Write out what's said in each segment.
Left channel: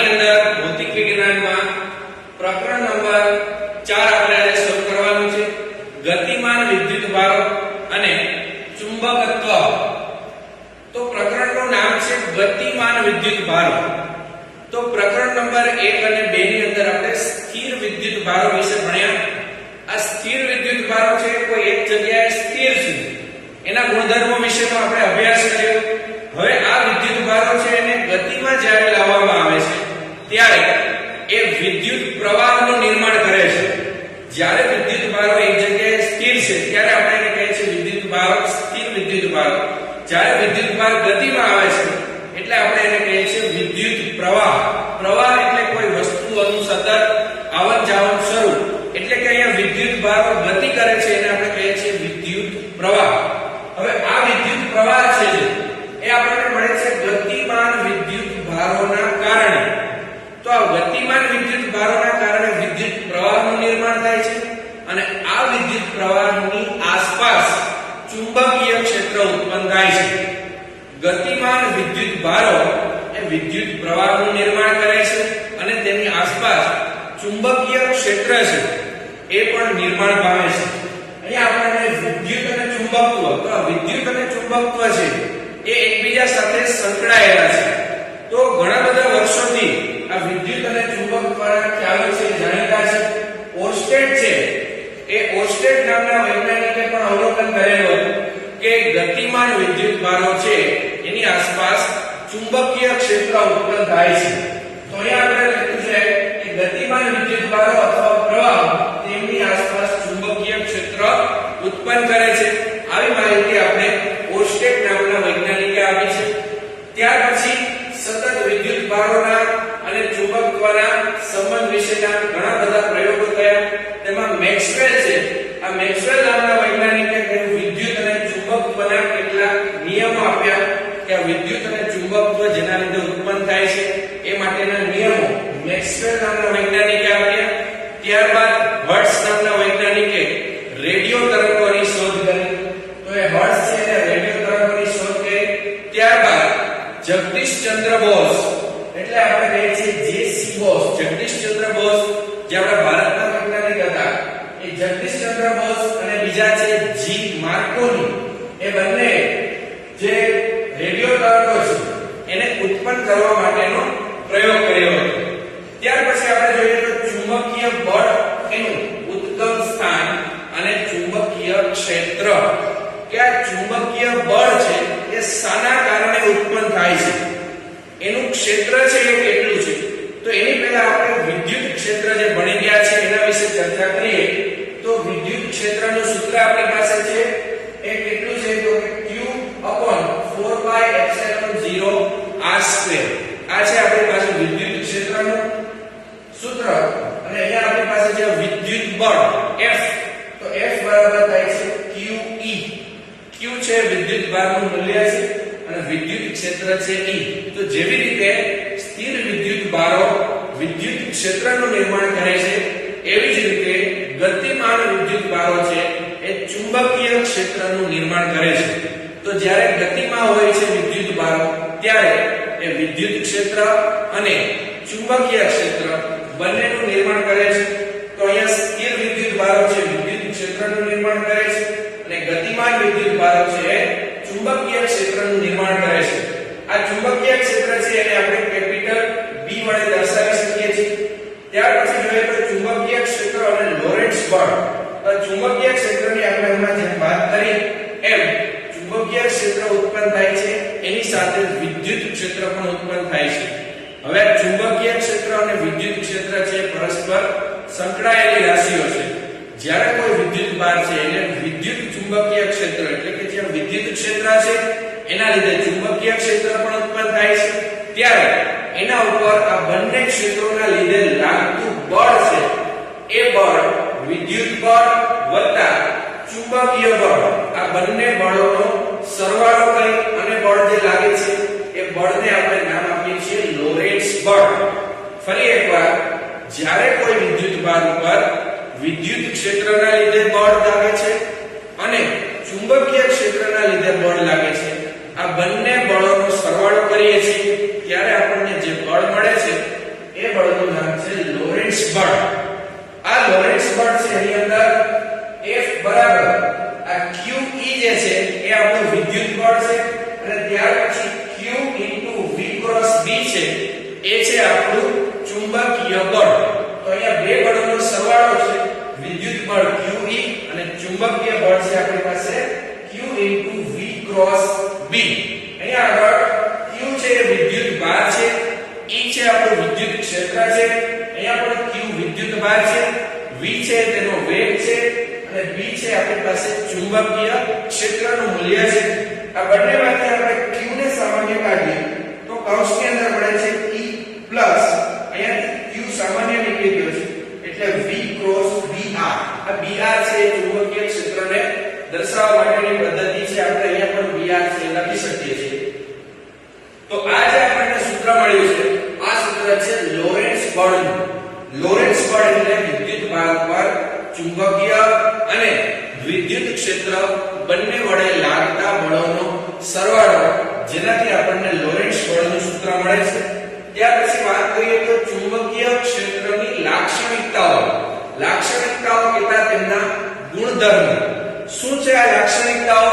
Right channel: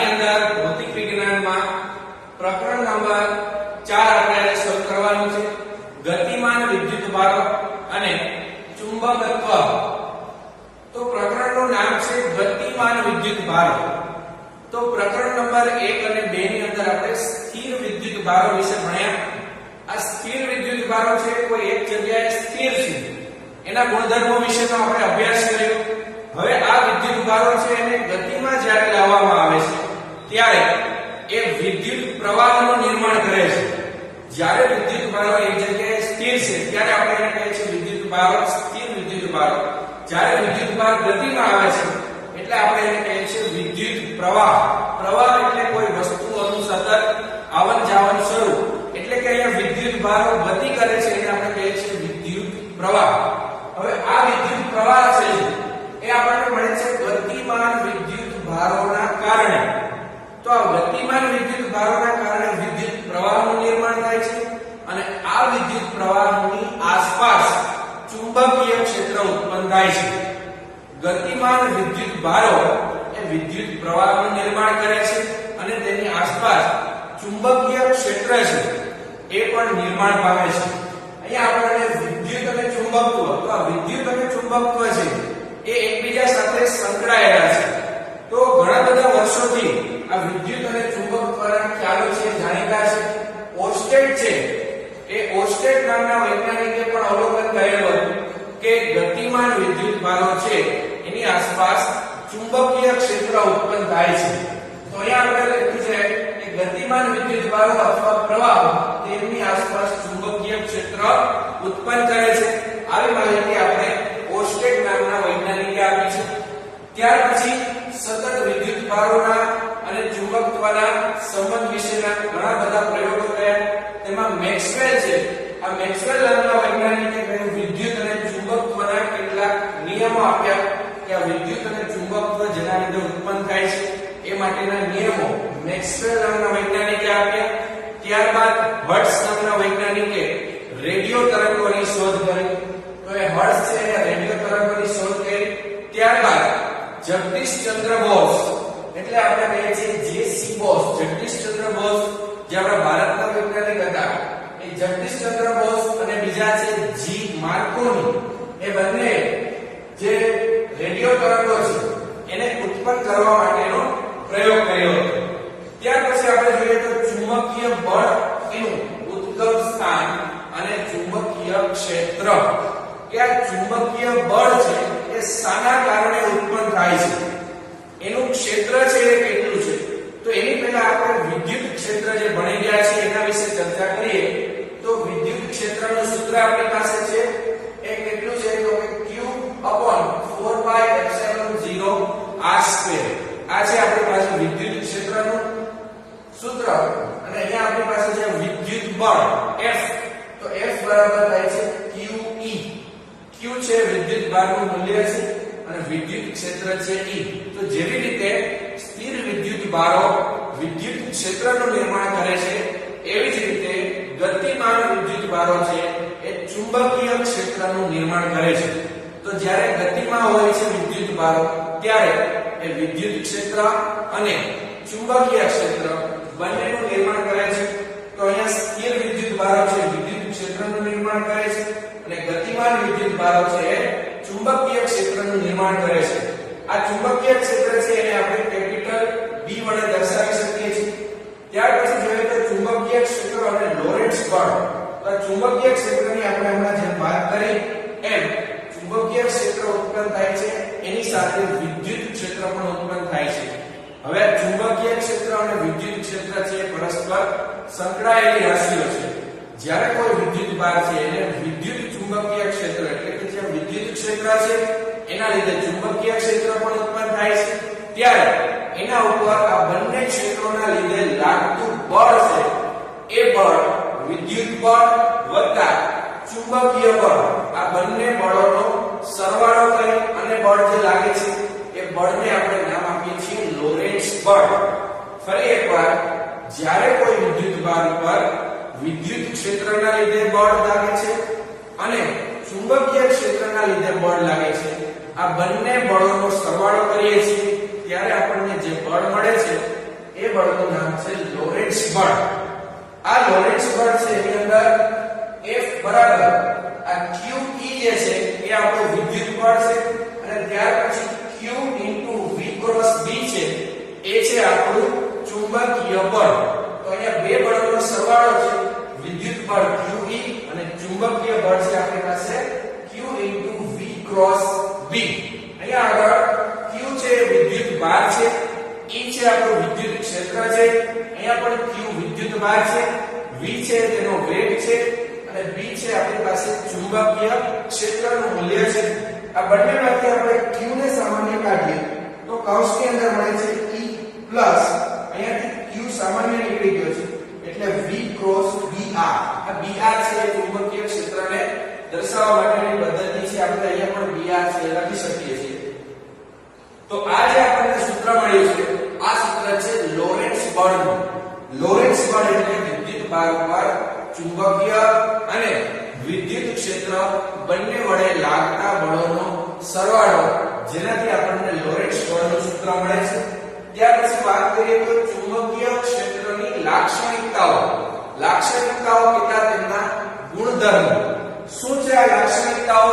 આની અંદર ભૌતિક વિજ્ઞાનમાં પ્રકરણ નંબર 4 આપણે શરૂ કરવાનું છે. ગતિમાન વિદ્યુત ભારો અને ચુંબકત્વ. તો પ્રકરણનું નામ છે ગતિમાન વિદ્યુત ભારો. તો પ્રકરણ નંબર 1 અને 2 ની અંદર આપણે સ્થિર વિદ્યુત ભારો વિશે ભણ્યા. આ સ્થિર વિદ્યુત ભારો છે કોઈ એક જગ્યાએ સ્થિર છે, એના ગુણધર્મો વિશેનો આપણે અભ્યાસ કર્યો. હવે આ વિદ્યુત ભારો છે એને ગતિમાં જ્યારે લાવવામાં આવે છે ત્યારે એ વિદ્યુત પ્રવાહનું નિર્માણ કરે છે. જ્યારે વિદ્યુત ભારો એક જગ્યાએ સ્થિર છે ત્યારે આપણે એને કહીએ છીએ વિદ્યુત ભારો, સ્થિર વિદ્યુત ભારો. જ્યારે વિદ્યુત ભાર ગતિમાં આવે છે એટલે આપણે એને કહીએ છીએ વિદ્યુત પ્રવાહ. પ્રવાહ એટલે કોઈ વસ્તુઓનું સતત આવન જાવન શરૂ, એટલે કે અહીંયા વિદ્યુત ભારો ગતિ કરે છે એને આપણે કહીએ છીએ વિદ્યુત પ્રવાહ. હવે આ વિદ્યુત પ્રવાહ છે એ આપણને મળે છે ગતિમાન વિદ્યુત ભારોના કારણે. તો આ ગતિમાન વિદ્યુત ભારોના કારણે વિદ્યુત પ્રવાહનું નિર્માણ થાય છે અને આ વિદ્યુત પ્રવાહની આસપાસ ચુંબકીય ક્ષેત્ર ઉત્પન્ન થાય છે. ગતિમાન વિદ્યુત ભારો એ વિદ્યુત પ્રવાહનું નિર્માણ કરે છે અને તેની આસપાસ ચુંબકીય ક્ષેત્ર છે એ પણ નિર્માણ પામે છે. અહીંયા આપણે વિદ્યુત અને ચુંબકત્વ, તો આ વિદ્યુત અને ચુંબકત્વ છે એ એકબીજા સાથે સંકળાયેલા છે. તો ઘણા બધા વર્ષોથી આ વિદ્યુત અને ચુંબકત્વના ખ્યાલો છે જાણીતા છે. ઓર્સ્ટેડ છે એ ઓર્સ્ટેડ નામના વૈજ્ઞાનિકે પણ અવલોકન કરેલું કે ગતિમાન વિદ્યુત ભારો છે એની આસપાસ ચુંબકીય ક્ષેત્ર ઉત્પન્ન થાય છે. તો અહીંયા આપણે લખ્યું છે કે ગતિમાન વિદ્યુત ભારો અથવા પ્રવાહ તેમની આસપાસ ચુંબકીય ક્ષેત્ર ઉત્પન્ન કરે છે. આવી માહિતી આપણે ઓર્સ્ટેડ નામના વૈજ્ઞાનિકે આપી છે. ત્યાર પછી સતત વિદ્યુત ભારોના અને ચુંબકત્વના સંબંધ વિશેના ઘણા બધા પ્રયોગો થયા. તેમાં મેક્સવેલ છે, આ મેક્સવેલ નામના વૈજ્ઞાનિકે વિદ્યુત અને ચુંબકત્વના કેટલાક નિયમો આપ્યા કે આ વિદ્યુત અને ચુંબકત્વ જેના લીધે ઉત્પન્ન થાય છે એ માટેના નિયમો મેક્સવેલ નામના વૈજ્ઞાનિકે આપ્યા. ત્યારબાદ હર્ટ્ઝ નામના વૈજ્ઞાનિકે રેડિયો તરંગોની શોધ કરી. તો એ હર્ટ્ઝ છે એ રેડિયો તરંગોની શોધ કરી. ત્યારબાદ જગદીશચંદ્ર બોઝ, એટલે આપણે કહીએ છીએ જે.સી. બોઝ, જગદીશચંદ્ર બોઝ જે આપણા ભારતના વૈજ્ઞાનિક હતા, એ જગદીશચંદ્ર બોઝ અને બીજા છે જી. માર્કોની, એ બંને જે રેડિયો તરંગો છે એને ઉત્પન્ન કરવા માટેનો પ્રયોગ કર્યો હતો. ત્યાર પછી આપણે જોઈએ તો ચુંબકીય બળ એનું ઉદ્ગમ સ્થાન અને ચુંબકીય ક્ષેત્ર, કે આ ચુંબકીય બળ છે એ શાના કારણે ઉત્પન્ન થાય છે, એનું ક્ષેત્ર છે એ કેટલું છે. તો એની પહેલા આપણે વિદ્યુત ક્ષેત્ર જે ભણી ગયા છે એના વિશે ચર્ચા કરીએ. તો વિદ્યુત ક્ષેત્રનું સૂત્ર આપણી પાસે છે એ કેટલું છે તો Q/4πε0 r². આ છે આપણી પાસે વિદ્યુત ક્ષેત્રનું સૂત્ર. અને અહીંયા આપણી પાસે છે વિદ્યુત બળ F. તો F બરાબર થાય છે QE. Q છે વિદ્યુત ભારનું મૂલ્ય છે અને વિદ્યુત ક્ષેત્ર છે E. તો જેવી રીતે સ્થિર વિદ્યુત ભારો વિદ્યુત ક્ષેત્રનું નિર્માણ કરે છે એવી જ રીતે ગતિમાન વિદ્યુત ભારો છે એ ચુંબકીય ક્ષેત્રનું નિર્માણ કરે છે. તો જ્યારે ગતિમાં હોય છે વિદ્યુત ભારો ત્યારે એ વિદ્યુત ક્ષેત્ર અને ચુંબકીય ક્ષેત્ર બંનેનું નિર્માણ કરે છે. તો અહીંયા સ્થિર વિદ્યુત ભારો છે વિદ્યુત ક્ષેત્રનું નિર્માણ કરે છે અને ગતિમાન વિદ્યુત ભારો છે એ ચુંબકીય ક્ષેત્રનું નિર્માણ કરે છે. આ ચુંબકીય ક્ષેત્ર છે એને આપણે કેપિટલ B વડે દર્શાવી શકીએ છીએ. ત્યાર પછી જોઈએ તો ચુંબકીય ક્ષેત્ર અને લોરેન્ટ્ઝ બળ. તો ચુંબકીય ક્ષેત્રની આપણે હમણાં જેમ વાત કરી એમ ચુંબકીય ક્ષેત્ર ઉત્પન્ન થાય છે એની સાથે વિદ્યુત ક્ષેત્ર પણ ઉત્પન્ન થાય છે. હવે ચુંબકીય ક્ષેત્ર અને વિદ્યુત ક્ષેત્ર છે પરસ્પર સંકળાયેલી રાશિઓ છે. જ્યારે કોઈ વિદ્યુત ભાર છે એને વિદ્યુત ચુંબકીય ક્ષેત્ર, એટલે કે જે વિદ્યુત ક્ષેત્ર છે એના લીધે ચુંબકીય ક્ષેત્ર પણ ઉત્પન્ન થાય છે. ત્યારે એના ઉપર આ બંને ક્ષેત્રોના લીધે લાગતું બળ છે એ બળ વિદ્યુત બળ વત્તા ચુંબકીય બળ, આ બંને બળોનો સરવાળો કરી અને બળ જે લાગે છે એ બળને આપણે નામ આપીએ છીએ લોરેન્ટ્ઝ બળ. ફરી એકવાર, જ્યારે કોઈ વિદ્યુત ભાર ઉપર વિદ્યુત ક્ષેત્રના લીધે બળ લાગે છે અને ચુંબકીય ક્ષેત્રના લીધે બળ લાગે છે, આ બંને બળોનો સરવાળો કરીએ છીએ ત્યારે આપણને જે બળ મળે છે એ બળનું નામ છે લોરેન્ટ્ઝ બળ. આ લોરેન્ટ્ઝ બળ છે એની અંદર F બરાબર આ QE જે છે એ આપણું વિદ્યુત બળ છે અને ત્યાર પછી Q V ક્રોસ B છે એ છે આપણું ચુંબકીય બળ. તો અહીંયા બે બળોનો સરવાળો છે વિદ્યુત બળ QE અને ચુંબકીય બળ છે આપણી પાસે Q V ક્રોસ B. અહીંયા આગળ Q છે એ વિદ્યુત ભાર છે, E છે આપણું વિદ્યુત ક્ષેત્ર છે, અહીંયા પણ Q વિદ્યુત ભાર છે, V છે તેનો વેગ છે અને B છે આપણી પાસે ચુંબકીય ક્ષેત્રનું મૂલ્ય છે. આ બંનેમાંથી આપણે Q ને સામાન્ય કાઢીએ તો કૌંસની અંદર મળે છે E પ્લસ અહીંયાથી Q સામાન્ય નીકળી ગયો છે એટલે V ક્રોસ BR. આ BR છે એ ચુંબકીય ક્ષેત્રને દર્શાવવા માટેની પદ્ધતિ છે. આપણે અહીંયા પણ BR છે લખી શકીએ છીએ. તો આ જે આપણને સૂત્ર મળ્યું છે આ સૂત્ર છે લોરેન્ટ્ઝ બળનું. લોરેન્ટ્ઝ બળ એટલે વિદ્યુત ભાર પર ચુંબકીય અને વિદ્યુત ક્ષેત્ર બંને વડે લાગતા બળોનો સરવાળો, જેનાથી આપણને લોરેન્ટ્ઝ બળનું સૂત્ર મળે છે. ત્યાર પછી વાત કરીએ તો ચુંબકીય ક્ષેત્રની લાક્ષણિકતાઓ. લાક્ષણિકતાઓ કેટલા તેમના ગુણધર્મ. શું છે આ લાક્ષણિકતાઓ?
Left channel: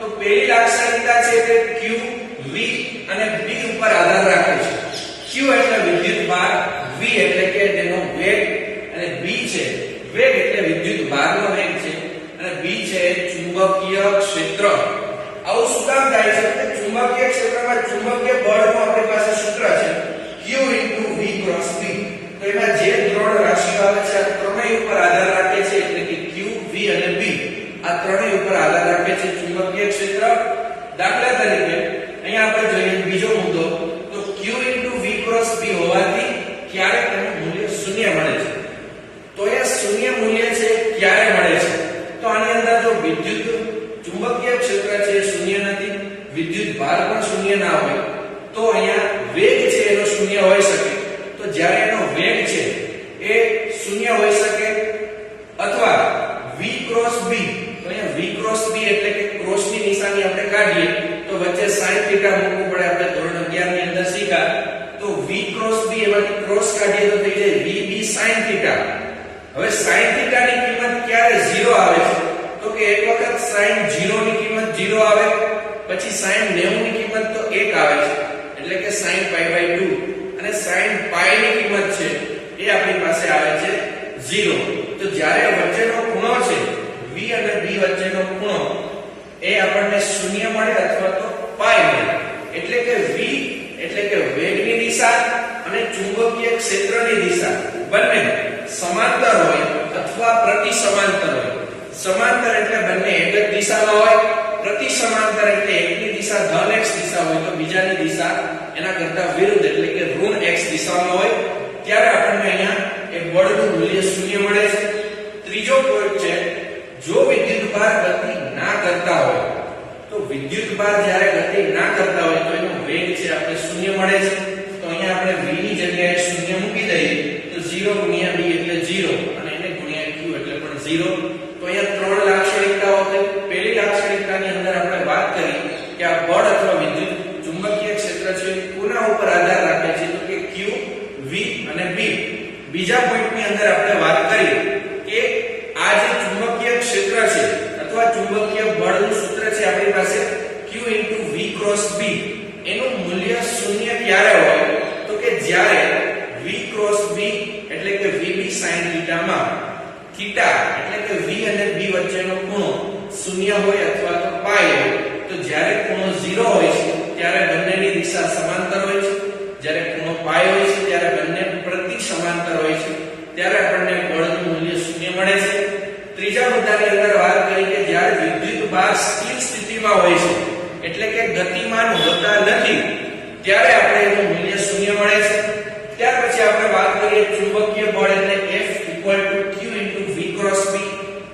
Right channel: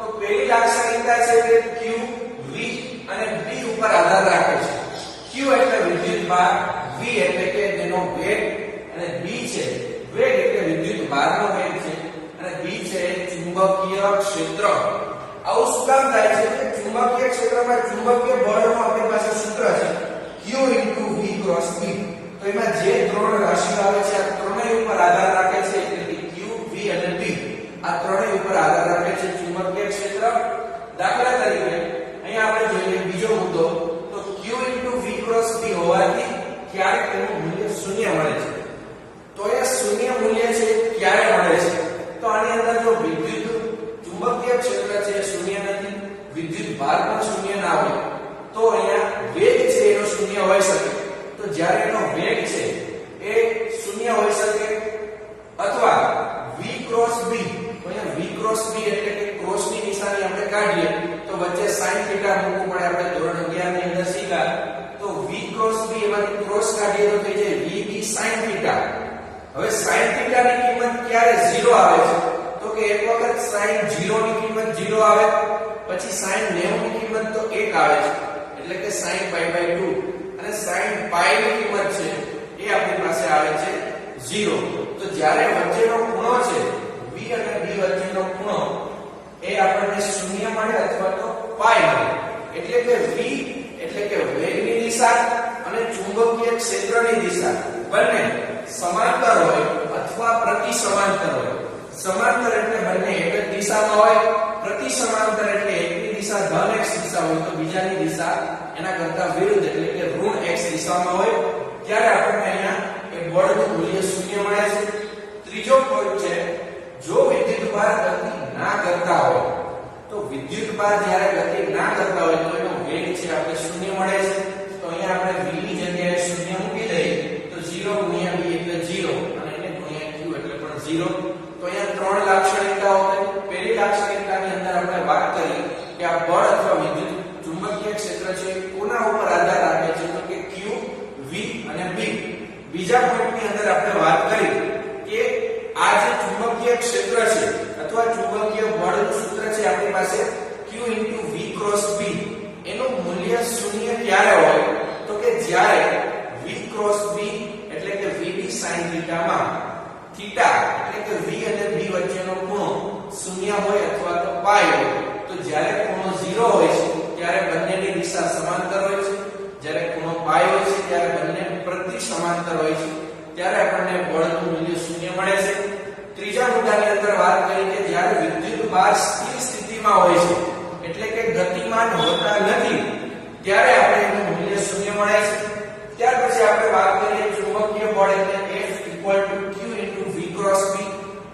તો પહેલી લાક્ષણિકતા છે કે Q V અને B ઉપર આધાર રાખે છે. Q એટલે વિદ્યુત ભાર, V એટલે કે તેનો વેગ અને B છે વેગ એટલે વિદ્યુત ભારનો વેગ છે અને B છે ચુંબકીય ક્ષેત્ર. આવું શું કામ થાય છે કે ચુંબકીય ક્ષેત્રમાં ચુંબકીય બળનું આપણી પાસે સૂત્ર છે Q V ક્રોસ B. તો એમાં જે ત્રણ રાશિઓ આવે છે આ ત્રણેય ઉપર આધાર રાખે છે એટલે કે Q V અને B આ ત્રણેય ઉપર આધાર રાખે છે ચુંબકીય ક્ષેત્ર. દાખલા તરીકે અહીંયા આપણે જોઈએ બીજો મુદ્દો તો Q V ક્રોસ B હોવાથી ક્યારેક તેનું મૂલ્ય શૂન્ય મળે છે. તો એ શૂન્ય મૂલ્ય છે ક્યારે મળે છે? તો આની અંદર જો વિદ્યુત ચુંબકીય ક્ષેત્ર છે એ શૂન્ય નથી, વિદ્યુત ભાર પણ શૂન્ય ના હોય તો અહીંયા વેગ છે એનો શૂન્ય હોઈ શકે. તો જ્યારે એનો વેગ છે એ શૂન્ય હોઈ શકે અથવા V ક્રોસ B. તો અહીંયા V ક્રોસ B એટલે કે ક્રોસની નિશાની આપણે કાઢીએ તો વચ્ચે sin થીટા મૂકવું પડે. આપણે ધોરણ 11 ની અંદર શીખ્યા. તો V ક્રોસ B એમાંથી ક્રોસ કાઢીએ તો થઈ જાય VB sin થીટા. હવે sin થીટા ની કિંમત ક્યારે 0 આવે છે? તો કે એક વખત sin 0 ની કિંમત 0 આવે, પછી sin 90 ની કિંમત તો 1 આવે છે એટલે કે sin pi/2 અને sin pi ની કિંમત છે એ આપણી પાસે આવે છે 0. તો જ્યારે વચ્ચેનો ખૂણો છે V અને B વચ્ચેનો ખૂણો એ આપણને શૂન્ય મળે અથવા તો પાઈ મળે. એટલે કે V એટલે કે વેગની દિશા અને ચુંબકીય ક્ષેત્રની દિશા બંને સમાંતર હોય અથવા પ્રતિ સમાંતર હોય. સમાંતર એટલે બંને એક જ દિશામાં હોય, પ્રતિ સમાંતર એટલે એકની દિશા ધન x દિશા હોય તો બીજાની દિશા એના કરતા વિરુદ્ધ એટલે કે ઋણ x દિશામાં હોય ત્યારે આપણને અહીંયા એ બળનું મૂલ્ય શૂન્ય મળે છે. ત્રીજો પોઈન્ટ છે જો વિદ્યુત ભાર ગતિ ના કરતા હોય તો વિદ્યુત ભાર જ્યારે ગતિ ના કરતા હોય તો એનો વેગ છે આપણે શૂન્ય મળે છે. તો અહીંયા આપણે v ની જગ્યાએ શૂન્ય મૂકી દઈએ તો 0 ગુણ્યા v એટલે 0 અને એને ગુણ્યા q એટલે પણ 0. તો અહીંયા ત્રણ લાક્ષણિકતાઓ છે. પહેલી લાક્ષણિકતાની અંદર આપણે વાત કરી કે આ બળ અથવા વિદ્યુત ચુંબકીય ક્ષેત્ર છે કોના ઉપર આધાર રાખે છે? તો કે q v અને b. બીજા પોઈન્ટની અંદર આપણે વાત કરી કે આ જે ચુંબકીય ક્ષેત્ર છે અથવા ચુંબકીય બળનું સૂત્ર છે આપણી પાસે Q V ક્રોસ B એનું મૂલ્ય શૂન્ય ક્યારે હોય? તો કે જ્યારે V ક્રોસ B એટલે કે VB sin θ માં થીટા એટલે કે V અને B વચ્ચેનો ખૂણો શૂન્ય હોય અથવા તો પાઈ હોય. તો જ્યારે ખૂણો 0 હોય છે ત્યારે બંનેની દિશા સમાંતર હોય છે, જ્યારે ખૂણો પાઈ હોય છે ત્યારે બંને પ્રતિ સમાંતર હોય છે ત્યારે આપણને બળનું મૂલ્ય શૂન્ય મળે છે. ત્રીજા મુદ્દાની અંદર વાત કરી કે જ્યારે વિદ્યુત ભાર સ્થિર સ્થિતિમાં હોય છે એટલે કે ગતિમાન હોતા નથી ત્યારે આપણે એનું મૂલ્ય શૂન્ય મળે છે. ત્યાર પછી આપણે વાત કરીએ ચુંબકીય બળ એટલે F = Q * V cross B.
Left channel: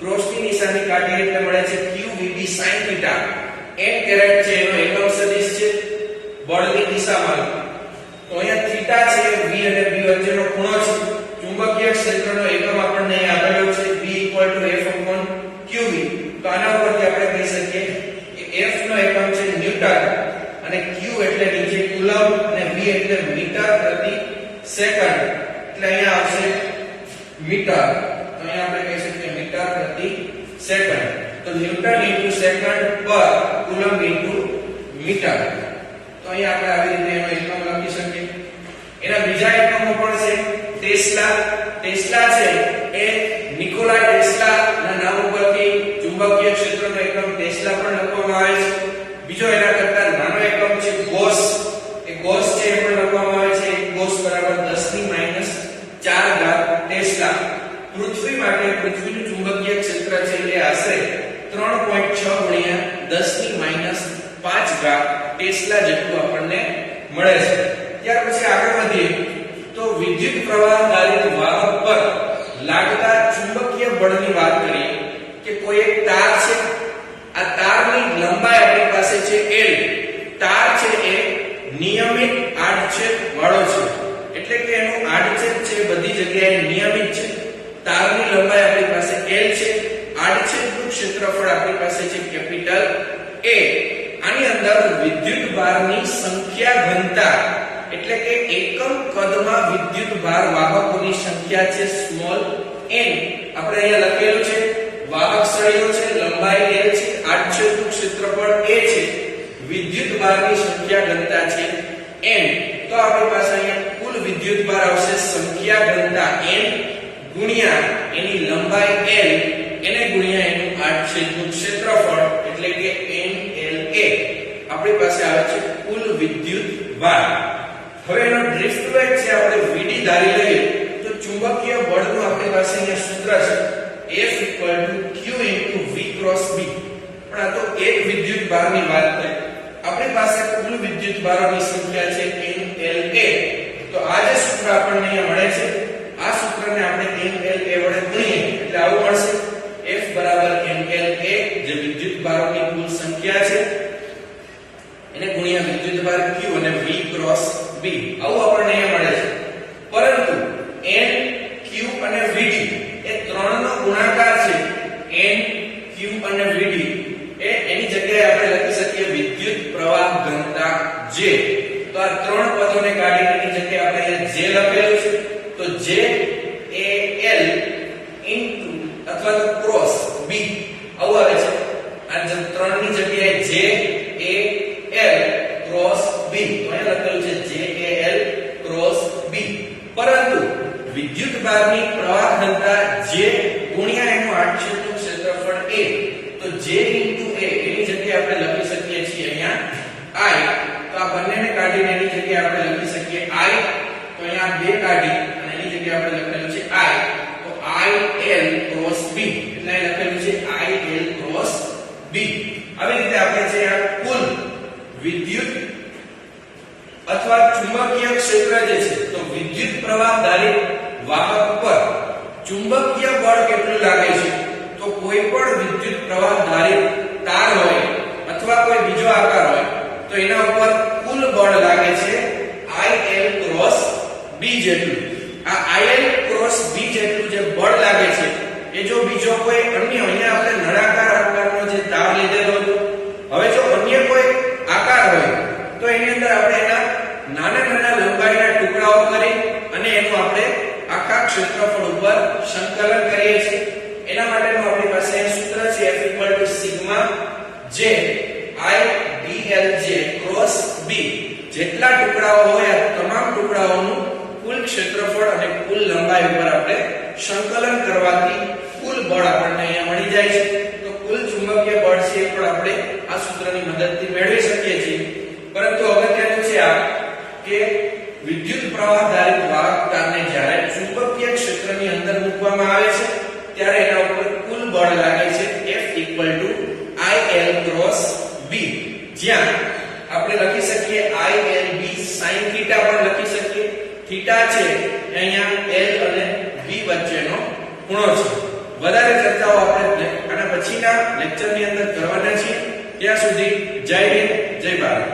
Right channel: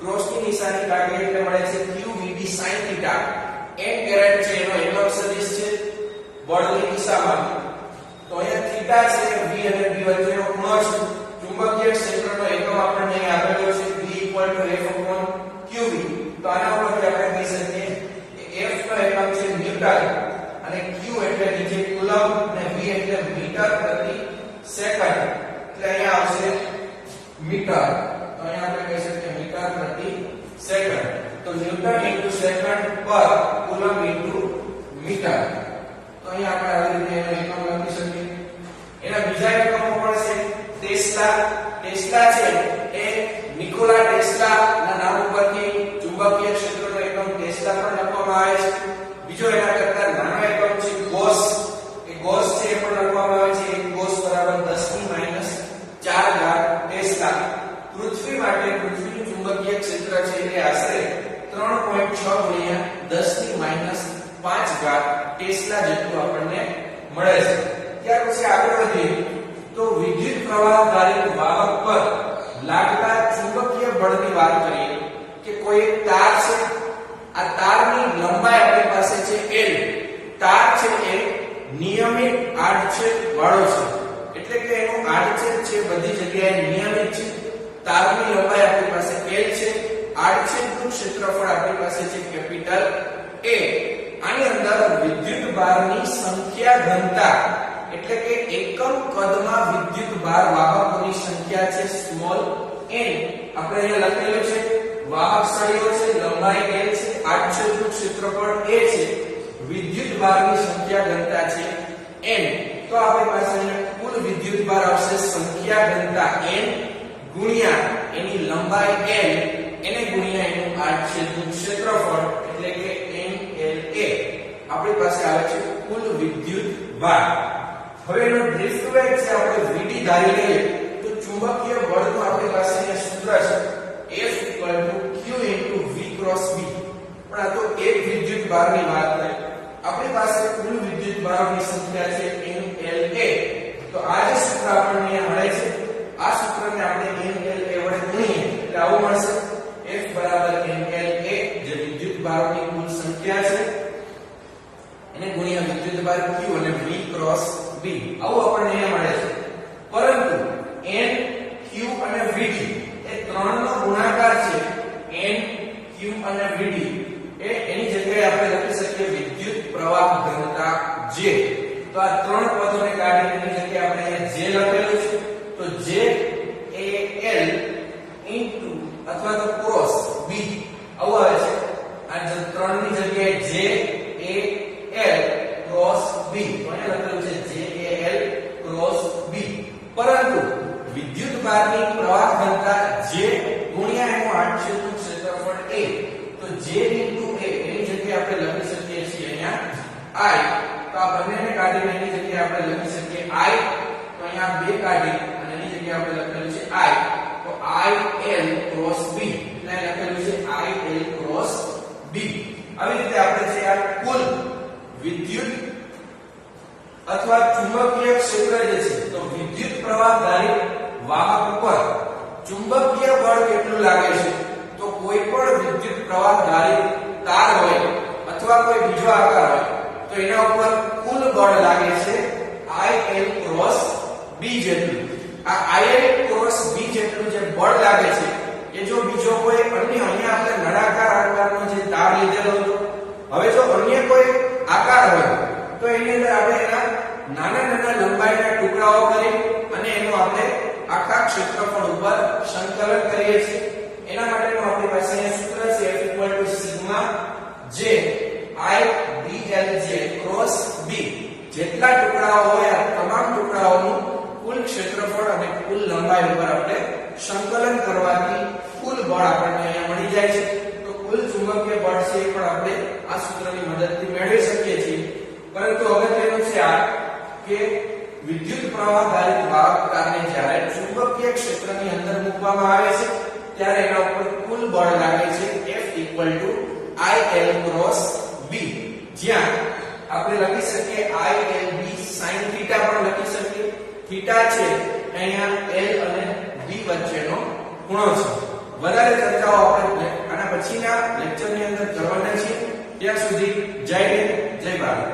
ક્રોસની નિશાની કાઢીએ એટલે મળે છે Q VB sin θ. n caret છે એનો એકમ સદિશ છે બળની દિશામાં. તો અહીંયા થીટા છે V અને B વચ્ચેનો ખૂણો છે. ચુંબકીય ક્ષેત્રનો એકમ આપણને અહીં આપેલો છે B = F/qv. તો આના ઉપરથી આપણે કહી શકીએ કે F નો એકમ છે ન્યૂટન અને Q એટલે નીચે કુલમ્બ અને V એટલે મીટર પ્રતિ સેકન્ડ એટલે અહીંયા આવશે મીટર, તો અહીંયા આપણે કહી શકીએ મીટર પ્રતિ સેકન્ડ. તો ન્યૂટન ઇન્ટુ સેકન્ડ પર કુલમ્બ ઇન્ટુ મીટર. તો અહીંયા આપણે આવી રીતે એનો એકમ લખી શકીએ. એના બીજા એકમો પણ છે. ટેસ્લા છે એ નિકોલા ટેસ્લા ના નામ ઉપરથી ચુંબકીય ક્ષેત્રનો એકમ ટેસ્લા પણ લખવામાં આવે છે. બીજો એના કરતા નાનો એકમ છે ગોસ. એ ગોસ છે એ પણ લખવામાં આવે છે. ગોસ બરાબર 10⁻⁴ ટેસ્લા. પૃથ્વી માટે પૃથ્વીનું ચુંબકીય ક્ષેત્ર છે એટલે આશરે 3.6 × 10⁻⁵ ટેસ્લા જેટલું આપણને મળે છે. ત્યાર પછી આગળ વધીએ તો વિદ્યુત પ્રવાહ આધારિત વાહક પર લાગતા ચુંબકીય બળની વાત કરીએ કે કોઈ એક તાર છે, આ તારની લંબાઈ આપણી પાસે છે L. તાર છે એ નિયમિત આડછેદ વાળો છે, એટલે કે એનું આડછેદ છે બધી જગ્યાએ નિયમિત છે. તારની લંબાઈ આપણી પાસે L છે, આડછેદનું ક્ષેત્રફળ આપણી પાસે છે કેપિટલ A. આની અંદર વિદ્યુત ભારની સંખ્યા ઘનતા એટલે કે એકમ કદમાં વિદ્યુત ભાર વાહકોની સંખ્યા છે સ્મોલ n. આપણે અહીંયા લખેલું છે વાહક સળીઓ છે, લંબાઈ L છે, આડછેદનું ક્ષેત્રફળ A છે, વિદ્યુત ભારની સંખ્યા ઘનતા છે n. તો આપણી પાસે અહીંયા કુલ વિદ્યુત ભાર આવશે સંખ્યા ઘનતા n ગુણ્યા એની લંબાઈ L એને ગુણ્યા એનું આડછેદનું ક્ષેત્રફળ એટલે કે NLA. આપણી પાસે આવે છે કુલ વિદ્યુત ભાર. હવે એનો ડ્રિફ્ટ વેગ છે આપણે Vd ધારી લઈએ તો ચુંબકીય બળનું આપણી પાસે અહીંયા સૂત્ર છે F q * V × B. પણ આ તો એક વિદ્યુત ભારની વાત છે. આપણી પાસે કુલ વિદ્યુત ભારોની સંખ્યા છે NLA. તો આ જે સૂત્ર આપણને અહીંયા મળે છે આ સૂત્રને આપણે NLA વડે ગુણીએ એટલે આવું મળશે F = NLA જે વિદ્યુત ભારોની કુલ સંખ્યા છે એને ગુણ્યા વિદ્યુત ભાર Q અને V × B. આવું આપણને અહીંયા મળે છે. પરંતુ N Q અને Vd એ ત્રણનો ગુણાકાર છે. N Q અને Vd એ એની જગ્યાએ આપણે લખી શકીએ વિદ્યુત પ્રવાહ ઘનતા J. તો આ ત્રણ પદોને કાઢીને એની જગ્યાએ આપણે અહીંયા J લખેલું છે. તો J A L ઇન્ટુ અથવા તો ક્રોસ B આવું આવે છે. આ ત્રણની જગ્યાએ J A L cross B તો અહીંયા લખેલું છે J A L cross B. પરંતુ વિદ્યુત ભારની પ્રવાહ ઘનતા J ગુણ્યા એનું આડછેદનું ક્ષેત્રફળ A. તો J ઇન્ટુ A એની જગ્યાએ આપણે લખી શકીએ છીએ અહીંયા I. તો આ બંનેને કાઢીને એની જગ્યાએ આપણે લખી શકીએ I. તો અહીંયા બે કાઢી અને એની જગ્યાએ આપણે લખેલું છે I. તો I L ક્રોસ B એટલે અહીં લખેલું છે I L ક્રોસ B. આવી રીતે આપણે જે આ કુલ વિદ્યુત અથવા ચુંબકીય ક્ષેત્ર જે છે તો વિદ્યુત પ્રવાહ ધારિત વાહક પર ચુંબકીય બળ કેટલું લાગે છે તો કોઈ પણ વિદ્યુત પ્રવાહ ધારિત તાર હોય અથવા કોઈ બીજો આકાર હોય તો એના ઉપર કુલ બળ લાગે છે IL ક્રોસ B જેટલું. આ IL ક્રોસ B જેટલું જે બળ લાગે છે એ જો બીજો કોઈ અન્ય અહીંયા આપણે નળાકાર આકારનો જે તાર લીધેલો હતો, હવે જો અન્ય કોઈ આકાર હોય તો એની અંદર આપણે એના નાના નાના લંબાઈના ટુકડાઓ કરી અને એનું આપણે આખા ક્ષેત્રફળ ઉપર સંકલન કરીએ છીએ. એના માટેનું આપણી પાસે સૂત્ર છે F = σ J I dlj cross B. જેટલા ટુકડાઓ હોય આ તમામ ટુકડાઓનું કુલ ક્ષેત્રફળ અને કુલ લંબાઈ ઉપર આપણે સંકલન કરવાથી કુલ બળ આપણને અહીંયા મળી જાય છે. તો કુલ ચુંબકીય બળ છે પણ આપણે આ સૂત્રની મદદથી મેળવી શકીએ છીએ. પરંતુ અગત્યનું છે આ કે વિદ્યુત પ્રવાહ ધારિત વાહક તારને જ્યારે ચુંબકીય ક્ષેત્રની અંદર મૂકવામાં આવે છે ત્યારે એના ઉપર કુલ બળ લાગે છે F = IL ક્રોસ B. જ્યાં આપણે લખી શકીએ ILB sin θ પણ લખી શકીએ. થીટા છે અહીંયા L અને B વચ્ચેનો ખૂણો છે. વધારે ચર્ચાઓ આપણે આના પછીના લેક્ચરની અંદર કરવાના છીએ. ત્યાં સુધી જય હિન્દ, જય ભારત.